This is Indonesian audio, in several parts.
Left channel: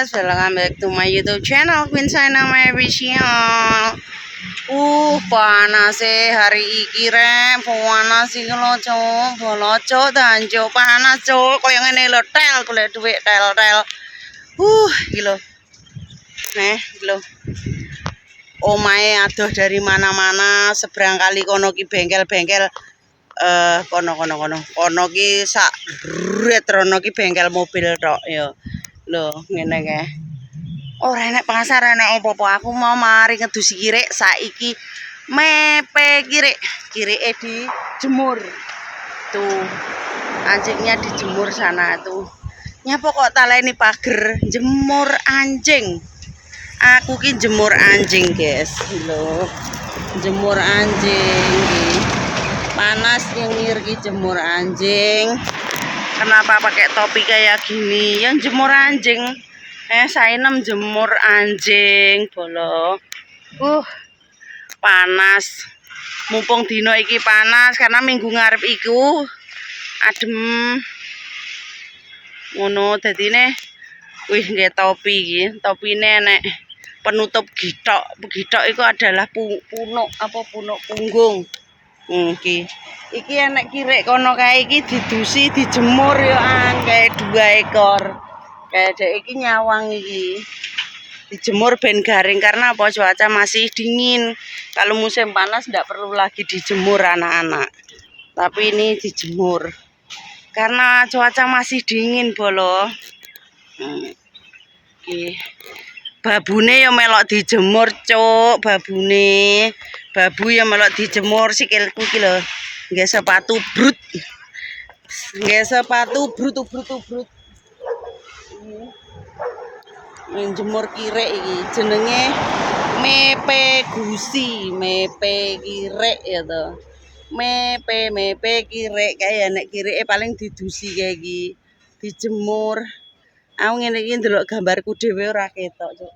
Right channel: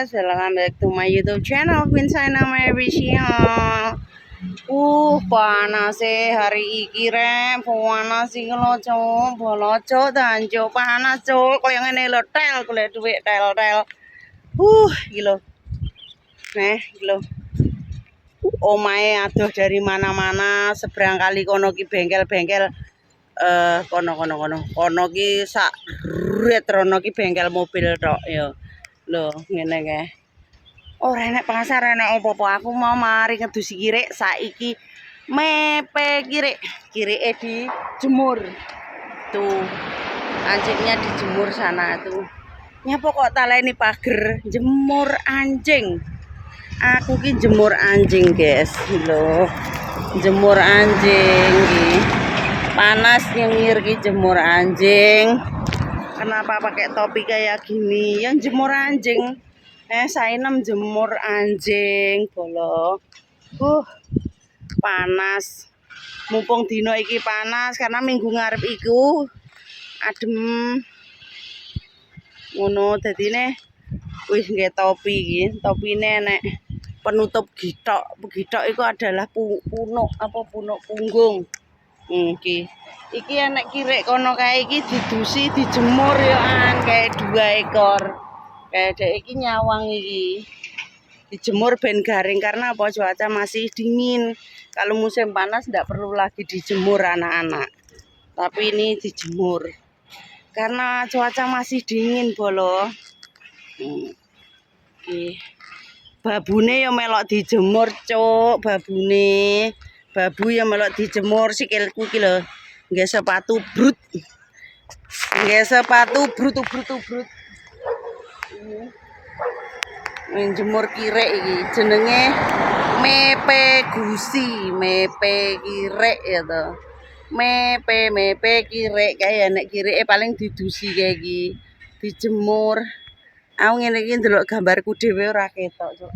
guys, welcome back to my YouTube channel Queen China Malaysia. Panas hari iki rek, panas iki lho cuk, boloco dan cuk panas cuk, koyo ngene lho tel golek dhuwit tel. Iki lho. Iki lho. Omahe adoh dari mana-mana, seberang kali kono ki bengkel-bengkel kono ki sak retrono ki bengkel mobil tok ya. Lho ngene kae. Ora enek pasar enek apa-apa. Aku mau mari ngedusi kirek saiki mepe kirike dijemur. Tuh. Anjingnya dijemur sana tuh. Nyapa kok taleni pager jemur anjing. Aku ki jemur anjing, guys. Lho. Jemur anjing ki. Panas nyengir ki jemur anjing. Kenapa pakai topi kayak gini? Yang jemur anjing. Sainem jemur anjing bolo. Panas. Mumpung dino iki panas karena minggu ngarep iku adem. Ngono dadine wih nggih topi iki. Topine nek penutup gitok. Gitok iku adalah punuk punggung. Iki enek kirek kono kae iki didusi dijemur ya kayak 2 ekor. Kayak dek iki nyawang iki. Dijemur ben garing karena apa? Cuaca masih dingin. Kalau musim panas ndak perlu lagi dijemur anak-anak. Tapi ini dijemur. Karena cuaca masih dingin bolo. Babune ya melok dijemur, cuk, babune. Babu ya melok dijemur sikilku iki lho. Nggih sepatu brut. Nggih sepatu brut. Menjemur kirek iki jenenge mepe gusi, mepe kirek ya to. Mepe kirek kae nek kireke paling didusi kae iki, dijemur. Aku ngene iki ndelok gambarku dhewe ora ketok, Cuk.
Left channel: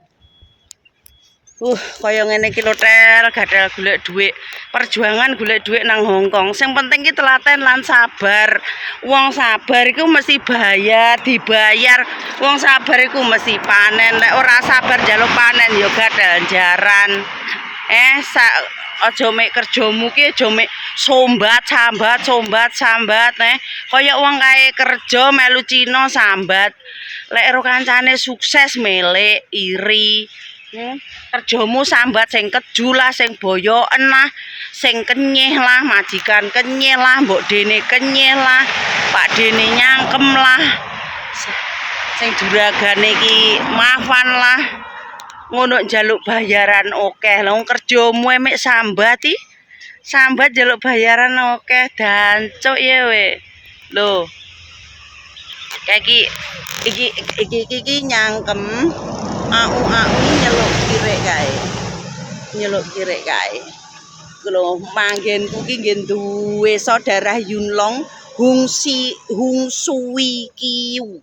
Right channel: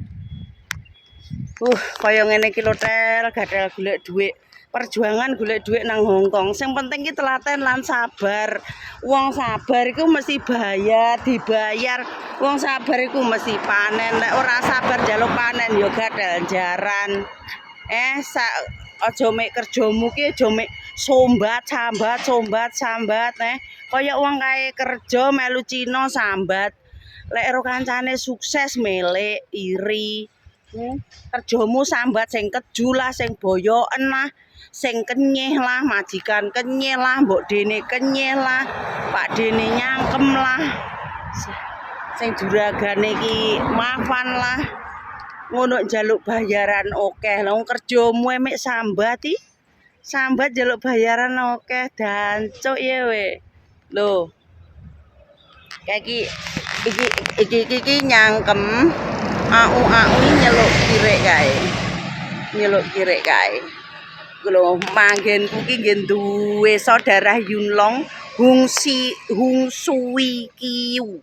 Kaya ngene iki lho tel, gatel golek dhuwit. Perjuangan golek dhuwit nang Hongkong. Sing penting ki telaten lan sabar. Wong sabar iku mesti dibayar. Wong sabar iku mesti panen. Nek ora sabar njaluk panen ya gatel jaran. Aja mek kerjamu ki aja mek sambat. Kaya wong kae kerja melu Cina sambat. Lek ero kancane sukses melek iri. Kerjamu sambat sing keju lah, sing boyoken lah, sing kenyeh lah, majikan kenyeh lah, mbok dene kenyeh lah, pak dene nyangkem lah, sing juragane iki mafan lah, ngono njaluk bayaran akeh. Lah kerjamu emek sambat iki, sambat njaluk bayaran akeh dancuk ya we. Lho. Kayak iki nyangkem. Aku nyeluk kirek kae. Lho manggenku ki nggih duwe saudara Yunlong Hung Sui Kiu.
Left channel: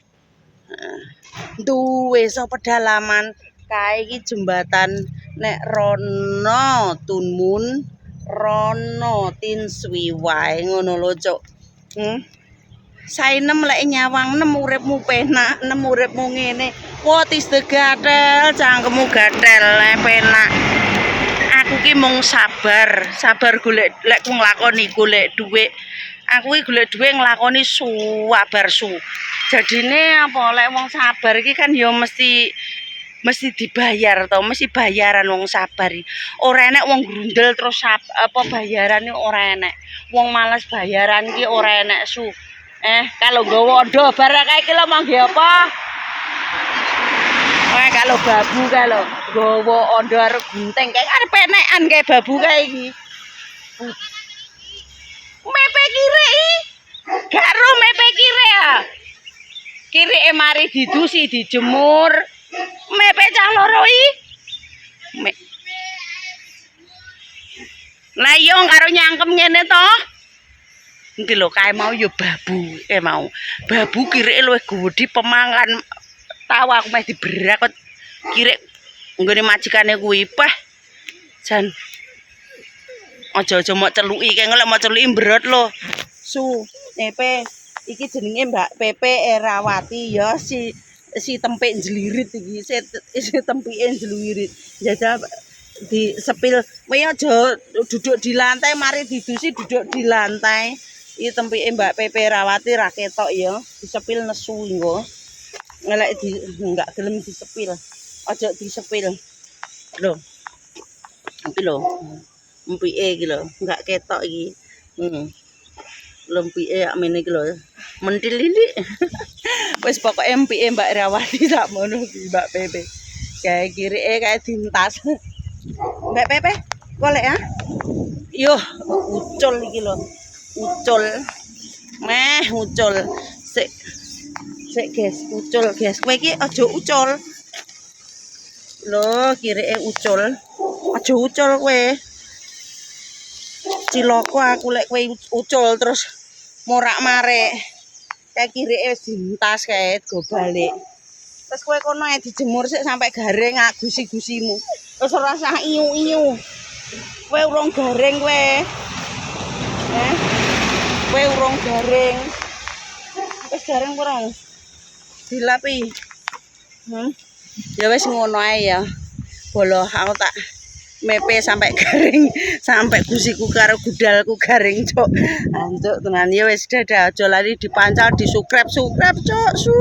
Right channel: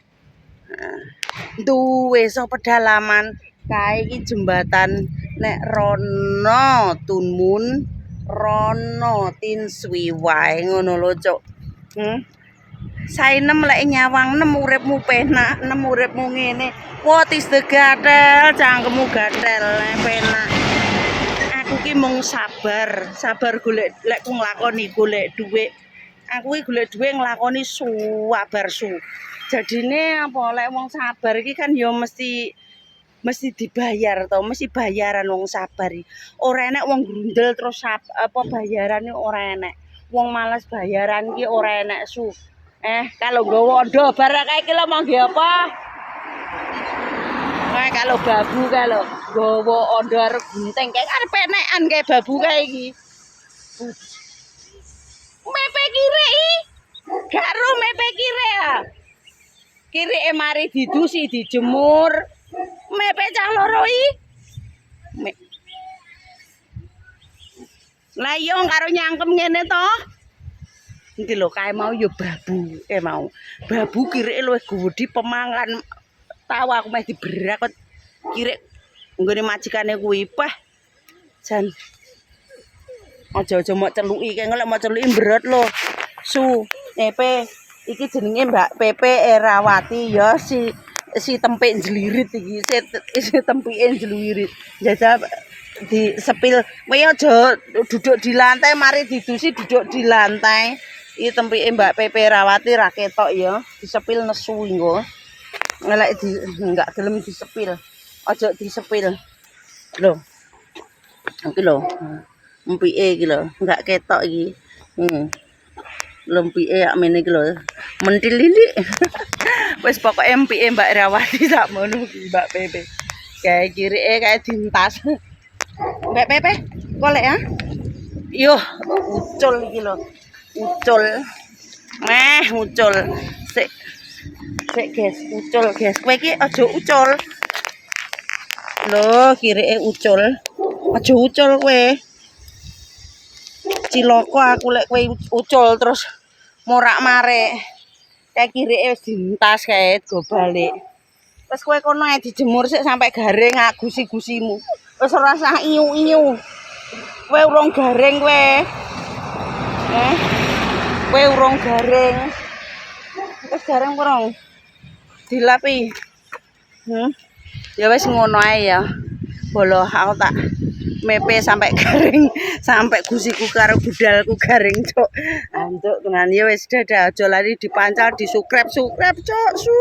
Duwe so pedalaman kae iki jembatan nek rono Tunmun, rono Tin Sui wae ngono lho, Cuk. Sainem lek nyawang nem uripmu penak, nem uripmu ngene. Tis gatel, cangkemmu gatel, penak. Aku ki mung sabar golek lek ku nglakoni golek dhuwit. Aku ki golek dhuwit nglakoni sabar su. Jadine apa lek wong sabar iki kan ya mesti dibayar to, mesti bayaran wong sabar iki. Ora enek wong grundel terus bayaran iki ora enek. Wong malas bayaran iki ora enek su. Kalau nggawa ondo barang kae iki lho mangke apa? Kalau babu kalau nggawa ondo arep gunting kae arep penekan kae babu kae iki. Mepe kirek iki. Garo mepe kirek ya. Kireke mari didusi dijemur. Mepe cah loro iki. Lah iya karo nyangkem ngene to. Iki lho kae mau ya babu, mau. Babu kireke luwih gedhe pemangan. Tahu aku meh diberak kirek nggone majikane kuwi. Jan. Aja mok celuki kae lek mok celuki mbrot lho. Su, Nepe iki jenenge Mbak Pepe Erawati ya si si tempek jelirit iki, si tempike jelirit. Jajal disepil. Kowe aja duduk di lantai, mari didusi duduk di lantai. Iki tempike Mbak Pepe Rawati ra ketok ya, disepil nesu engko. Ngelek enggak gelem disepil. Aja disepil. Lho. Iki lho. Empike iki lho, enggak ketok iki. Lempike yak mene iki lho. Mentil ini. Wis pokoke empike Mbak Rawati sak mono ki Mbak Pepe. Kae kirike kae dintas. Mbak Pepe, golek ya. Yo, ucul iki lho. Ucul. Ucul. Sik guys, ucul guys. Kowe iki aja ucul. Lho, kirike ucul. Aja ucul kowe. Ciloko aku lek kowe ucul terus morak-marik. Kayak kirike wis dintas kae go balik. Wis kowe kono ae dijemur sik sampai garing gusi-gusimu. Wis ora usah iyu-iyu. Kowe urung garing kowe. Kowe urung garing. Wis garing urung? Dilapi. Ya wis ngono ae ya. Bolo aku tak mepe sampai garing, sampai gusiku karo budalku garing, cok. Anjuk tenan ya wis dadah, aja lali dipancal, di subscribe, cok. Su.